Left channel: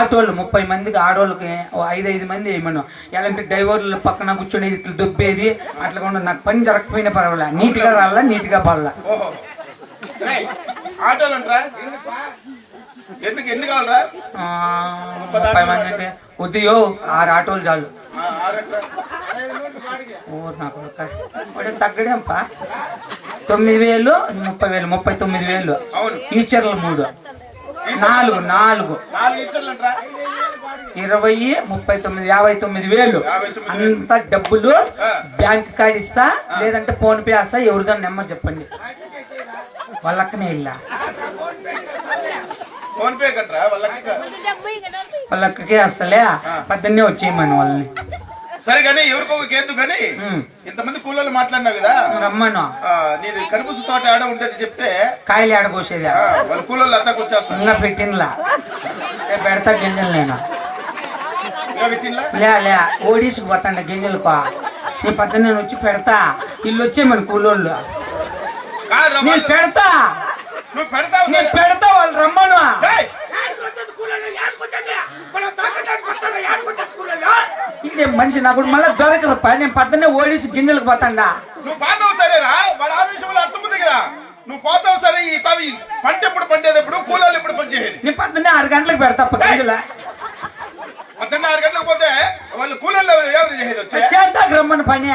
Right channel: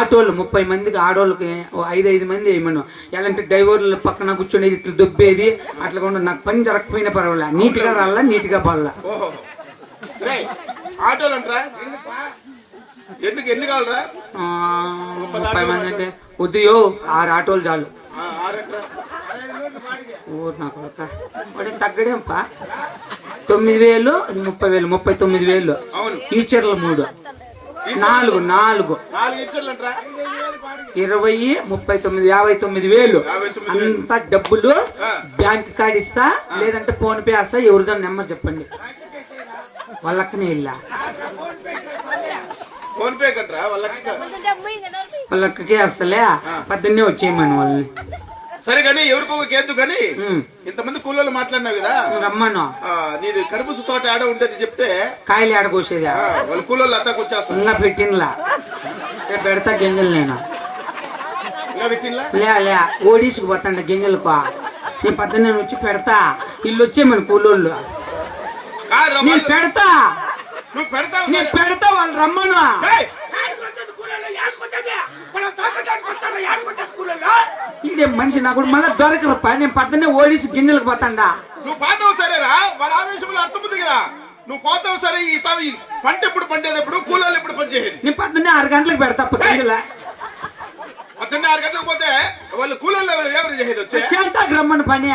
ఆటోళ్ళు 30 మందికి ఆడోళ్ళకి 5 మంది వేయమను. ఎలాంటి డ్రైవర్లు పక్కన కూర్చొని ఇట్లా దొబ్బేది అట్లా కూడా నాకు పని జరగకపోయినా పర్వాలే, నీట్ గా రాలా, నీట్ గా పడాలా. ఆటోలు అంటారా? ఎన్ని కావాలరా? 30 మంది అంటే ఉదయో 6 ఆటోలు చాలు. ఊరు నాకు తగ్గడేంపా 9,000 30,000 39,000. ఈచర్లు 3 4 20 39 59,000 అంతా డబ్బులు బ్యాంక్ కార్డు ఇస్తా, లేదంటే ఫోన్ పే వేస్తా. ఎవరిదో నెంబర్ చెప్పండి. వాళ్ళక్కనే వెళ్ళా వాళ్ళక్కకే వస్తలే పద్దన్నే వచ్చేయమని వాళ్ళని. సరే కానీ ఎవరికో కేద్దు కానీ ఇంతమంది కూలీలు మాట్లాడినావు కదా, రమ్మను. నీది కరుబూసు తోట ఆడ ఉంటది చెప్తే కాయలు ఆడకోసేదా వాళ్ళ కూలీలు అంతా వచ్చేస్తా. ఇంకా పెట్టినలా పెడతా గింజలు నేను లే ఓడీసుకు పట్టండి గింజలకు. నీ పద్దె వచ్చి పెడతా. ఇల్లు వచ్చేయమని కూలోళ్ళు నేను పెడతా. నేను పెడతా వాళ్ళు రమ్మను. ఇదే మనిషి నాకు మళ్ళీ దొరకదు. నేను పద్దెనే ఓడేసి గిన్నెలకు పోతాండా. నువ్వు పోతావు సరేరా, వాళ్ళ ఆవేశంలో అర్థముంది కదా. నువ్వు పోతావు సరే, ఈ పంట ఎప్పుడు పండేటప్పుడు కూలీలు ఎప్పుడు పనిచేసేది. నేను పద్దెనే 6 గంటలకు పెడతా. గింజల పద్దెనే 6 గంటలకు పోతే వాళ్ళు కూలీలు ఎవరు చేసేది? చేస్తాకు రమ్మని పని.